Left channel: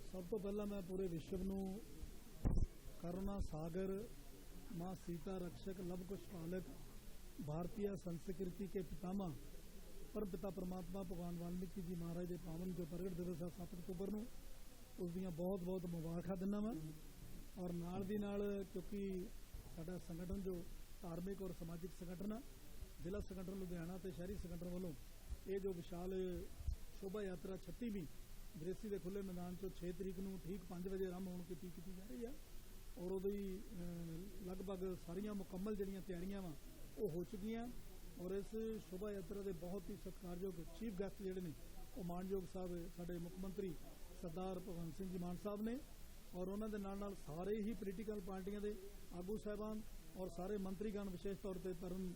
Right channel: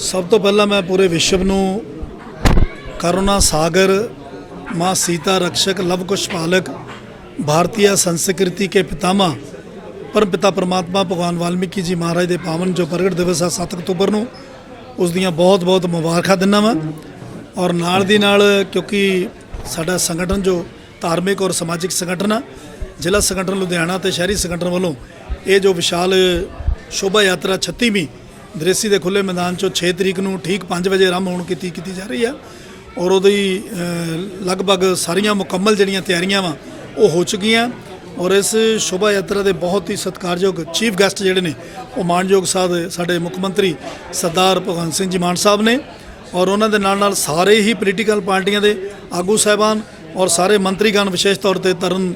ਸਭ ਤੋਂ ਪਹਿਲਾਂ ਮੈਂ ਪੂਰੇ ਵਿਸ਼ਵ ਨੂੰ ਕਰੁਣਾ ਸਾਗਰ ਮਾਂ सीता रक्षक लव कुश पालक भारतीय संस्कृति के पितामह ਪਰਮ ਪਿਤਾ ਪਰਮਾਤਮਾ ਭਗਵਾਨ ਵਾਲਮੀਕੀ ਜੀ ਮਹਾਰਾਜ ਦੇ ਪਾਵਨ ਜੋ ਪ੍ਰਗਟ ਦਿਵਸ ਆ 7 ਅਕਤੂਬਰ ਨੂੰ ਉਸ ਦੀਆਂ ਬਹੁਤ ਬਹੁਤ ਮੁਬਾਰਕਾਂ ਦਿੰਦਾ ਵਾਂ ਔਰ ਨਾਲ ਦੀ ਨਾਲ ਕਿਉਂਕਿ ਸਾਡਾ ਸੰਗਠਨ ਜੋ ਧਾਰਮਿਕ ਔਰ ਸਮਾਜਿਕ ਸੰਗਠਨ ਆ ਜ਼ਿਲ੍ਹਾ ਸੰਗਠਨ ਲੁਧਿਆਣਾ ਤੇ ਸ਼ਹਿਰੀ ਸੰਗਠਨ ਵੱਲੋਂ ਇਹ ਜੋ ਵਿਸ਼ਾਲ ਸ਼ੋਭਾ ਯਾਤਰਾ 36ਵੀਂ ਦ੍ਰੇਸੀ ਦੇ ਖੁੱਲੇ ਮੈਦਾਨ ਚੋਂ 6 ਤਰੀਕ ਨੂੰ ਠੀਕ 5 ਵਜੇ ਆਰੰਭ ਹੋਣ ਕੀਤੀ ਕੀਤੀ ਜਾ ਰਹੀ ਆ। ਔਰ ਉਹਦੀ ਲਗਭਗ ਸਾਰੀਆਂ ਮੁਕੰਮਲ ਜਿਹੜੀਆਂ ਤਿਆਰੀਆਂ ਵਾ, ਉਹ ਹੋ ਚੁੱਕੀਆਂ। ਔਰ ਇਸ ਸ਼ੋਭਾ ਯਾਤਰਾ ਦੇ ਬਹੁਤ ਹੀ ਸਤਿਕਾਰਯੋਗ ਚੀਫ ਗੈਸਟ ਜਿਹੜੇ ਨੇ, ਉਹ ਮਾਨਯੋਗ ਸਾਹਿਬ ਸਾਡੇ ਮੁੱਖ ਮੰਤਰੀ ਸਰਦਾਰ ਭਗਵੰਤ ਸਿੰਘ ਜੀ ਮਾਨ ਸਾਹਿਬ ਨੇ। ਔਰ ਉਹਨਾਂ ਦੇ ਨਾਲ ਨਾਲ ਸਾਰੇ ਹੀ ਪੋਲੀਟੀਕਲ ਪਾਰਟੀਆਂ ਦੇ ਆਗੂ ਸਾਹਿਬਾਨ ਔਰ ਸਾਰੇ ਮੰਤਰੀਗਣ ਵਿਸ਼ੇਸ਼ ਤੌਰ ਤੇ ਤਰਨ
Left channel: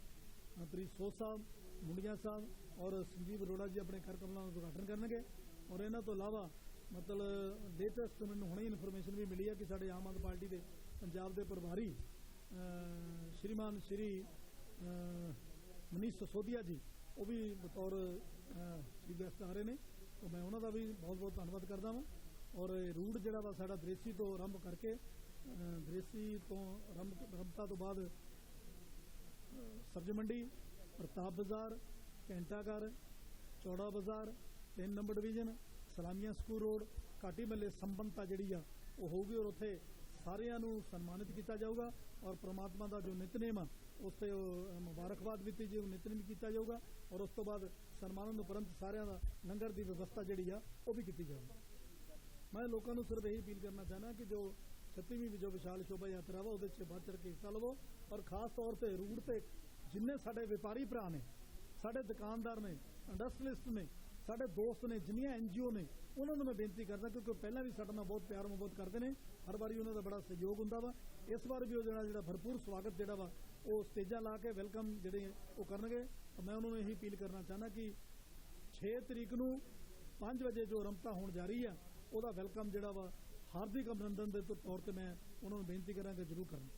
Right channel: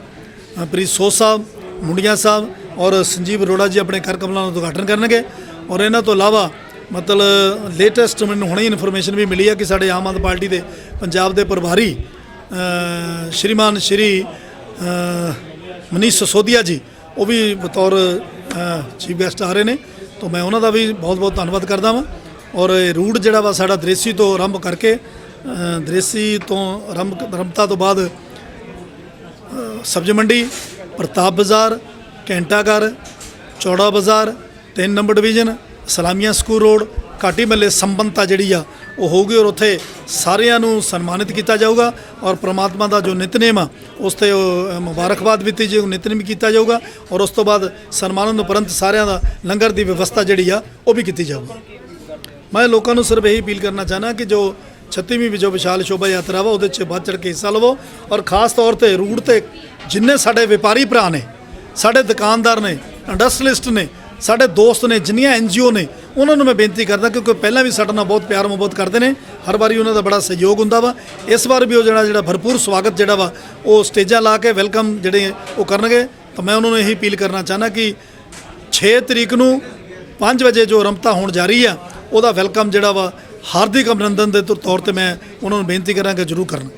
ਪ੍ਰੀਤ ਸੋਹ ਸਾਹਿਬ, ਮੁੰਡੀਆਂ ਸਾਹਿਬ ਔਰ ਸੰਜੀਵ ਅਰੋੜਾ ਜੀ ਆਪਣੇ ਕਰ ਕਮਲਾਂ ਦਾ ਉਦਘਾਟਨ ਕਰਨਗੇ। ਔਰ ਇਹਨਾਂ ਤੋਂ ਇਲਾਵਾ ਮਤਲਬ ਲੇਟੈਸਟ ਮੈਨੂੰ ਹੁਣੇ ਇਨਫੋਰਮੇਸ਼ਨ ਵੀ ਮਿਲੀ ਹੈ ਕਿ ਸਾਡੇ ਆਮ ਆਦਮੀ ਪਾਰਟੀ ਦੇ ਪੰਜਾਬ ਦੇ ਪ੍ਰਭਾਰੀ ਸ਼੍ਰੀਮਾਨ ਸ਼੍ਰੀ ਮਨੀਸ਼ ਸਸੋਦੀਆ ਜੀ ਉਹ ਵੀ ਬਤੌਰ ਚੀਫ ਗੈਸਟ ਆ ਰਹੇ ਨੇ। ਤਾਂ ਮੈਂ ਉਹਨਾਂ ਦਾ ਵੀ ਬਹੁਤ ਬਹੁਤ ਧੰਨਵਾਦ ਕਰਦਾ ਵਾਂ। ਔਰ ਇਹ ਰੂਟ ਜਿਹੜਾ ਵਾ ਸਾਡਾ ਦ੍ਰੇਸੀ ਤੋਂ ਆਰੰਭ ਕਰਕੇ ਅ, ਦ੍ਰੇਸੀ ਤੋਂ ਆਰੰਭ ਆਰੰਭਤਾ ਤੋਂ ਬਾਅਦ ਸਬਜ਼ੀ ਮੰਡੀ ਪ੍ਰਤਾਪ ਬਾਜ਼ਾਰ ਘੰਟਾ ਘਰ ਚੌੜਾ ਬਾਜ਼ਾਰ 3 number division, Salamia school road, ਘਾਟੀ ਮੱਲੇ ਸੰਬੰਧਤਾ ਜਿਹੜੀ ਆ, ਉਹ ਹੋਊਗੀ ਔਰ ਉੱਥੇ ਸਾਰਿਆਂ ਨੂੰ ਸਨਮਾਨਿਤ ਕੀਤਾ ਜਾਊਗਾ ਔਰ ਪ੍ਰਮਾਤਮਾ ਦਾ ਜੋ ਨਿਤਨੇਮ ਆ, ਉਸ ਤੇ ਮੁਬਾਰਕਬਾਦ ਵੀ ਦਿੱਤੀ ਜਾਊ ਨਿਤਨੇਮ ਕੀਤਾ ਜਾਊਗਾ ਔਰ ਉਸ ਤੋਂ ਬਾਅਦ ਸਨਮਾਨਨ ਉਪਰੰਤ ਸਾਰਿਆਂ ਦਾ ਲੰਗਰ ਦੀ ਵਿਵਸਥਾ ਜਿਹੜੀ ਆ, ਉਹ ਵੀ ਕੀਤੀ ਜਾਊਗੀ। ਮੈਂ ਲੋਕਾਂ ਨੂੰ ਸਿਰਫ ਇਹੀ ਅਪੀਲ ਕਰਨਾ ਚਾਹਨਾ ਕਿ ਜੋ 36ਵੀਂ ਵੀ ਜੋ ਵਿਸ਼ਾਲ ਸ਼ੋਭਾ ਯਾਤਰਾ ਵਾ, ਉਹਦੇ 'ਚ ਵੱਧ ਚੜ ਕੇ ਹਿੱਸਾ ਲਵੋ ਔਰ ਖਾਸ ਤੌਰ ਤੇ ਰੂਟ ਤੇ ਜਿੰਨੇ ਸਾਡੇ ਵਪਾਰੀ ਭਰਾ ਨੇ, ਸਾਡੇ ਦੁਕਾਨਦਾਰ ਨੇ ਇੰਡਸਟਰੀਲਿਸਟ ਨੇ ਸਾਡੇ ਦੋਸਤ ਨੇ, ਜਿੰਨੀਆਂ ਐਨਜੀਓ ਨੇ, ਉਹਨਾਂ ਨੂੰ ਮੈਂ ਬੇਨਤੀ ਕਰਦਾ ਕਿਉਂਕਿ ਪਹਿਲਾਂ ਵੀ ਸਾਡੇ ਨਾਲ ਬਹੁਤ ਪਿਆਰ ਮੁਹੱਬਤ ਕਰਦੇ ਨੇ। ਹਰ ਵਾਰੀ ਉਹਨਾਂ ਦਾ ਬੜਾ ਸਹਿਯੋਗ ਹੁੰਦਾ ਵਾ। ਇਸ ਵਾਰ ਵੀ ਉਹ ਜਿਹੜਾ ਜਿਹੜਾ ਭਰਪੂਰ ਸਵਾਗਤ ਜਿਹੜਾ ਵਾ, ਉਹ ਸਟੇਜਾਂ ਲਾ ਕੇ ਵੈਲਕਮ ਜਿਹੜੇ ਉਹ ਕਰਨਗੇ। ਤਾਂ ਮੈਂ ਉਹਨਾਂ ਨੂੰ ਇਹੀ ਅਪੀਲ ਕਰਨਾ ਚਾਹਨਾ ਕਿ 6 ਤਰੀਕ ਨੂੰ 5 ਵਜੇ ਜੋ ਰਮਤਾ ਹੋਣ ਜਾ ਰਹੀ ਆ, ਉਹਦਾ ਵੈਲਕਮ ਜਿਹੜਾ ਵਾ, ਹਾਰਦਿਕ ਅਭਿਨੰਦਨ ਦੇ ਤੌਰ ਤੇ ਮੈਂ ਉਹਨਾਂ ਨੂੰ ਬੇਨਤੀ ਕਰਾਂਗਾ ਜਰੂਰ ਕਰਨ।